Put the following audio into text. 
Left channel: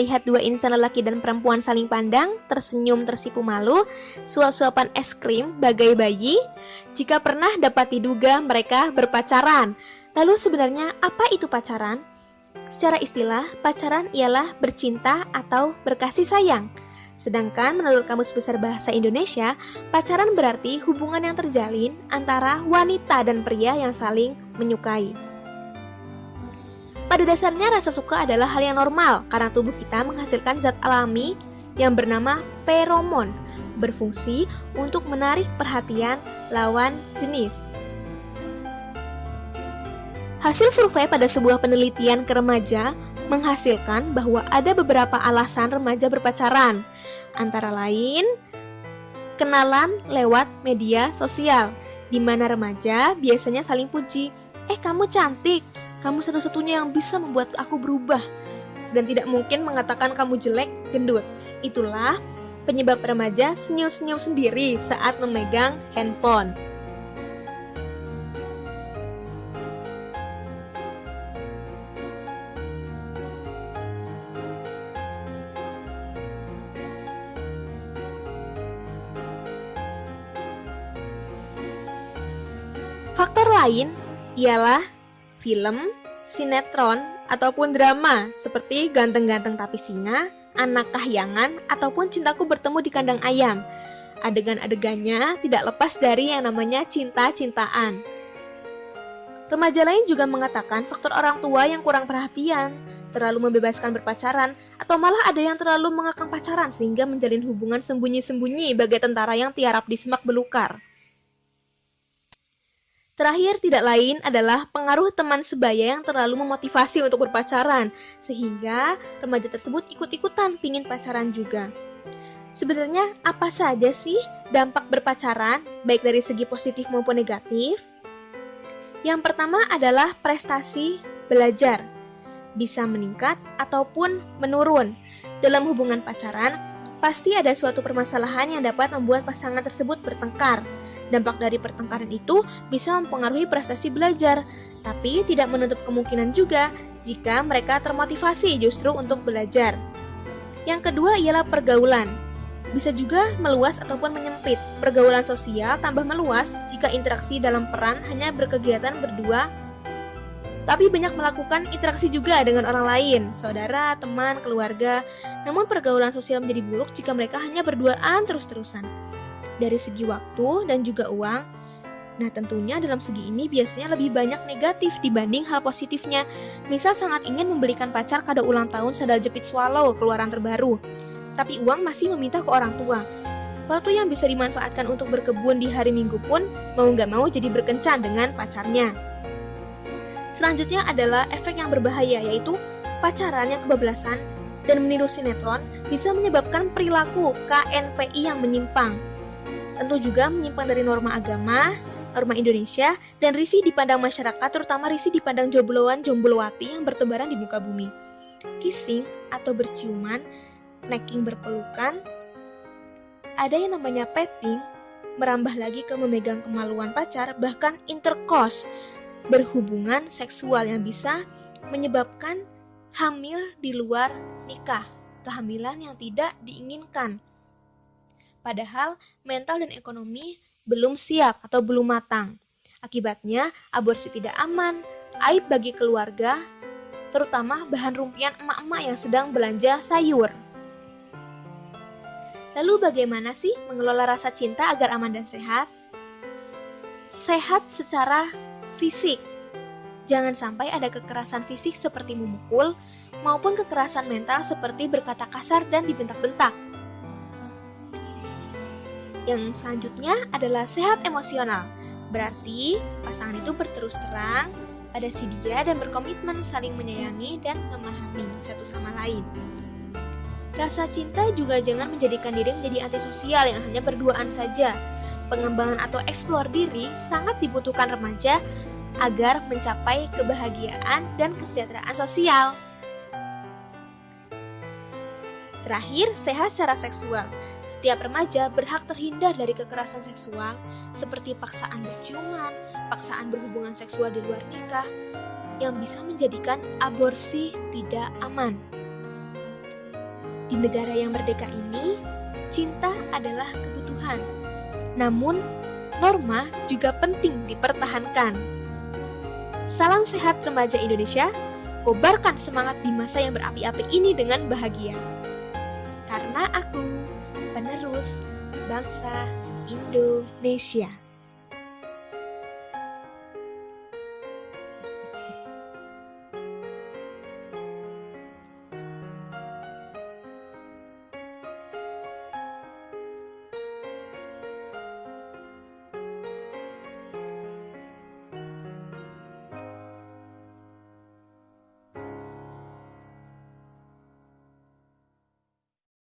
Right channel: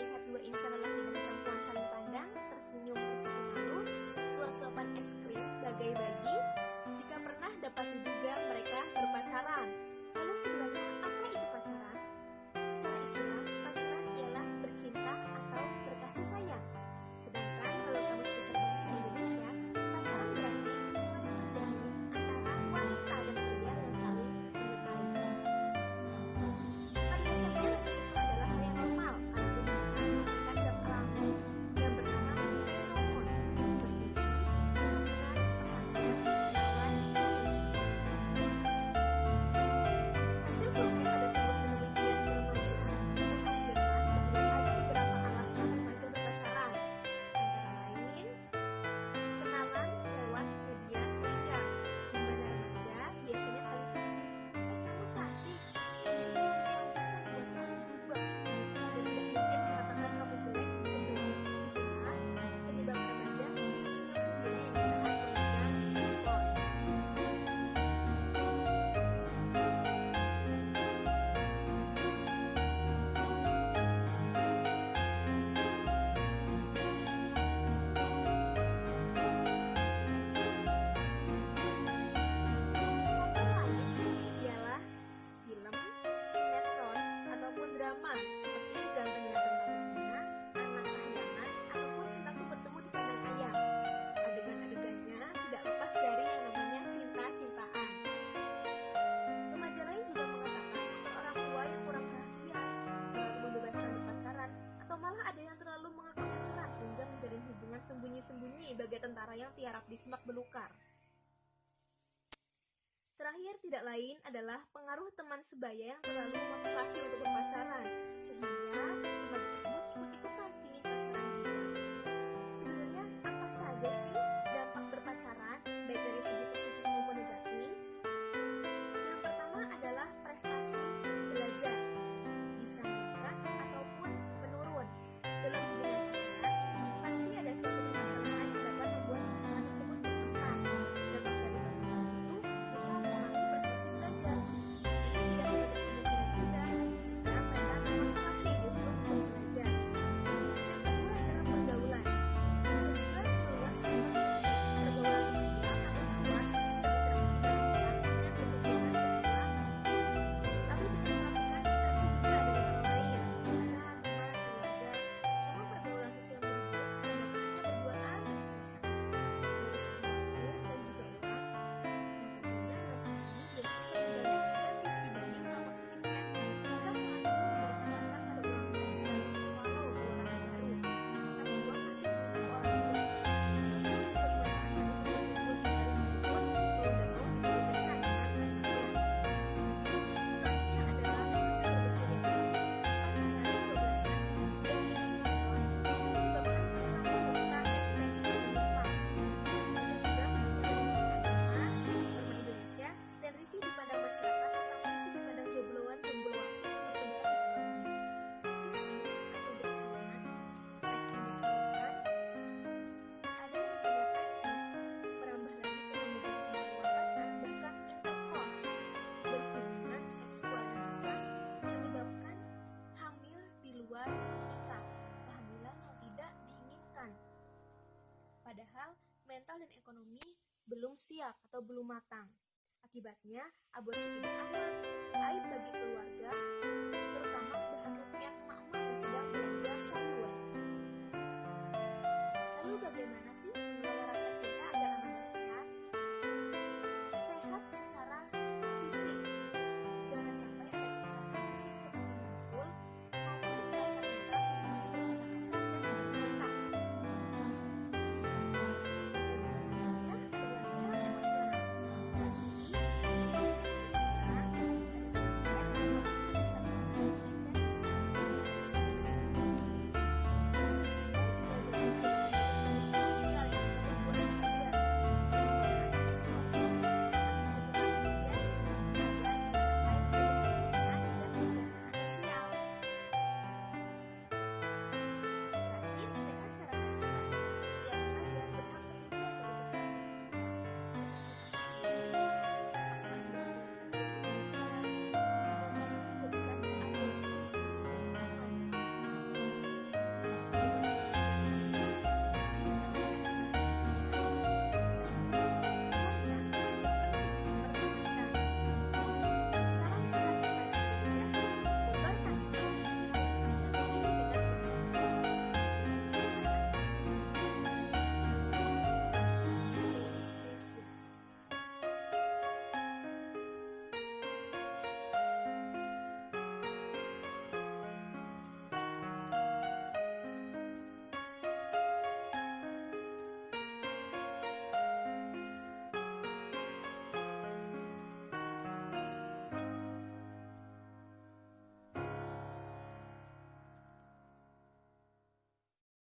melihat dua insan lelaki dan perempuan saling pandang, tersenyum tersipu malu, suap-suapan es krim bagai bayi? Jika pernah dapat diduga mereka berpacaran. Lalu sebenarnya apa itu pacaran? Secara istilah, pacaran ialah bercinta atau berkasih sayang. Sedangkan menurut Kamus Besar Bahasa Indonesia, pacaran berarti hubungan yang terjalin antara wanita dan pria yang saling menyukai. Pada dasarnya rasa suka adalah hal yang normal karena tubuh kita menghasilkan zat alami yang bernama feromon, berfungsi untuk menarik perhatian lawan jenis. Hasil survei pada sebuah penelitian ke remaja menghasilkan bahwa ada beberapa alasan remaja berpacaran, antara lain kenalan lewat media sosial, di mana remaja biasanya saling puji, kamu cantik, kamu satu-satunya yang bisa membuat aku berubah, dan tidak mungkin mengatakan kamu jelek, gendut. Itulah penyebab remaja senyum-senyum sendiri saat memegang handphone. Faktor lain ialah film, sinetron, ataupun drama seperti Ganteng-Ganteng Tapi Singa, Anak Kahyangan, ataupun Cintaku Bertemu di Kandang Ayam. Adegan-adegannya tidak lepas dari yang namanya cinta-cintaan. Remaja lain juga mengatakan faktor orang tua yang kurang perhatian, terlalu membebaskan berpacaran, atau malah ada yang terlalu mengekang pacaran sehingga menjalin hubungan sembunyi-sembunyi bagai tentara yang tiarap di semak belukar. Terakhir tidak lain adalah pengaruh teman sebaya yang terlalu memotivasi untuk berpacaran, sehingga remaja tersebut ikut-ikutan pingin pacaran juga. Sebenarnya apa saja sih dampak berpacaran, baik dari segi positif maupun negatif? Yang pertama adalah prestasi belajar, bisa meningkat ataupun menurun. Dalam hubungan pacaran, pasti ada suatu permasalahan yang dapat membuat pasangan tersebut bertengkar. Dampak dari pertengkaran itu bisa mempengaruhi prestasi belajar, tapi tidak menutup kemungkinan juga jika mereka termotivasi justru untuk belajar. Yang kedua ialah pergaulan. Bisa juga meluas ataupun menyempit. Pergaulan sosial tambah meluas jika interaksi dalam peran hanya berkegiatan berdua, tapi banyak melakukan interaksi juga dengan orang lain, saudara, teman, keluarga. Namun pergaulan sosial menjadi buruk jika mereka hanya berduaan terus-terusan. Dari segi waktu dan juga uang, nah tentunya dalam segi ini biasanya lebih banyak negatif dibanding hal positifnya. Misal sangat ingin membelikan pacar kado ulang tahun sandal jepit Swallow keluaran terbaru, tapi uang masih meminta ke orang tua. Waktu yang bisa dimanfaatkan untuk berkebun di hari Minggu pun mau gak mau jadi berkencan dengan pacarnya. Selanjutnya adalah efek yang berbahaya, yaitu pacaran yang kebablasan dan meniru sinetron bisa menyebabkan perilaku KNPI yang menyimpang. Tentu juga menyimpang dari norma agama, norma Indonesia, dan risih dipandang masyarakat, terutama risih dipandang jombloan jomblowati yang bertebaran di muka bumi. Kissing atau berciuman, necking berpelukan, ada yang namanya petting, merambah lagi ke memegang kemaluan pacar, bahkan intercourse, berhubungan seksual yang bisa menyebabkan hamil di luar nikah, kehamilan yang tidak diinginkan. Padahal mental dan ekonomi belum siap atau belum matang. Akibatnya aborsi tidak aman, aib bagi keluarga, terutama bahan rumpian emak-emak yang sedang belanja sayur. Lalu bagaimana sih mengelola rasa cinta agar aman dan sehat? Sehat secara fisik. Jangan sampai ada kekerasan fisik seperti memukul, maupun kekerasan mental seperti berkata kasar dan dibentak-bentak. Yang selanjutnya adalah sehat emosional. Berarti pasangan itu berterus terang pada si dia dan berkomitmen saling menyayangi dan memahami satu sama lain. Rasa cinta juga jangan menjadikan diri menjadi antisosial yang hanya berduaan saja. Pengembangan atau eksplor diri sangat dibutuhkan remaja agar mencapai kebahagiaan dan kesejahteraan sosial. Terakhir, sehat secara seksual. Setiap remaja berhak terhindar dari kekerasan seksual seperti paksaan berciuman, paksaan berhubungan seksual di luar nikah yang bisa menjadikan aborsi tidak aman. Di negara yang merdeka ini, cinta adalah kebutuhan. Namun, norma juga penting dipertahankan. Salam sehat remaja Indonesia, kobarkan semangat di masa yang berapi-api ini dengan bahagia. Karena aku, penerus bangsa Indonesia.